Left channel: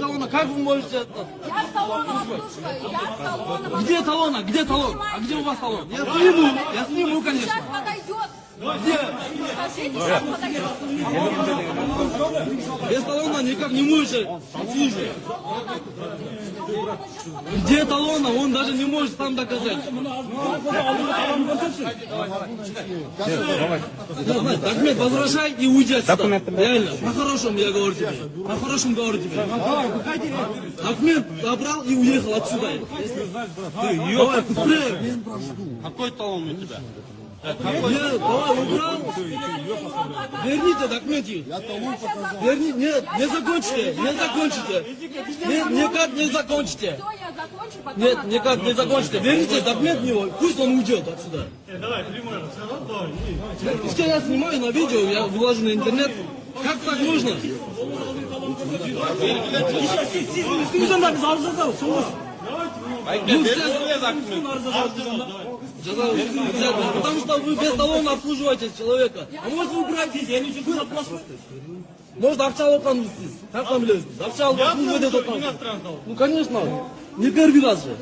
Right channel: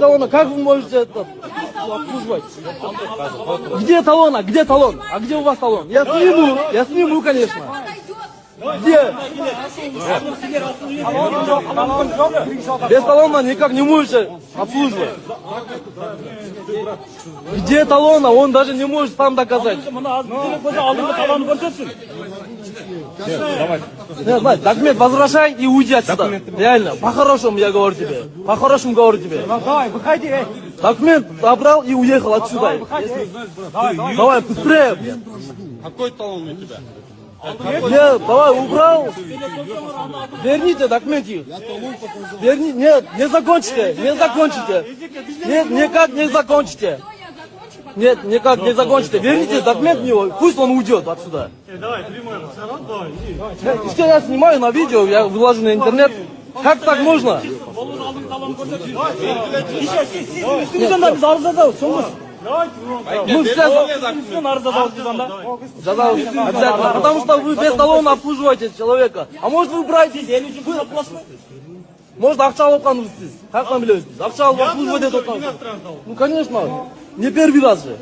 Талона, как вы можете это? Где талон? Где талон? А где у вас талон? Я сниму, конечно. Где? Без талона никак не можете обслуживать. Где талона? Он даже не может сам доказать. Документ возвращай и уйди отсюда. Реально, по-хорошему я говорю тебе. По-хорошему говорю тебе. Документ забрал и уехал отсюда. Давай, быстрее. Какой талон у тебя? Нет, давай, убрал. Верните документы. Нет, не закончите, не закончите. Нет, никак не закончите. Нет, никак не закончите. Верните документ в него, пусть он уйдет отсюда. Давай, прямой. Все, я снимаю на видео, я выложу на интернет. Как так можно? Ну, сейчас обязательно, потому что вы без талона обслуживаете человека. А может вы убираете? Может акча алып как вам билесиз? Акча алып обслуживать эту. Ну конечно, не первый раз же.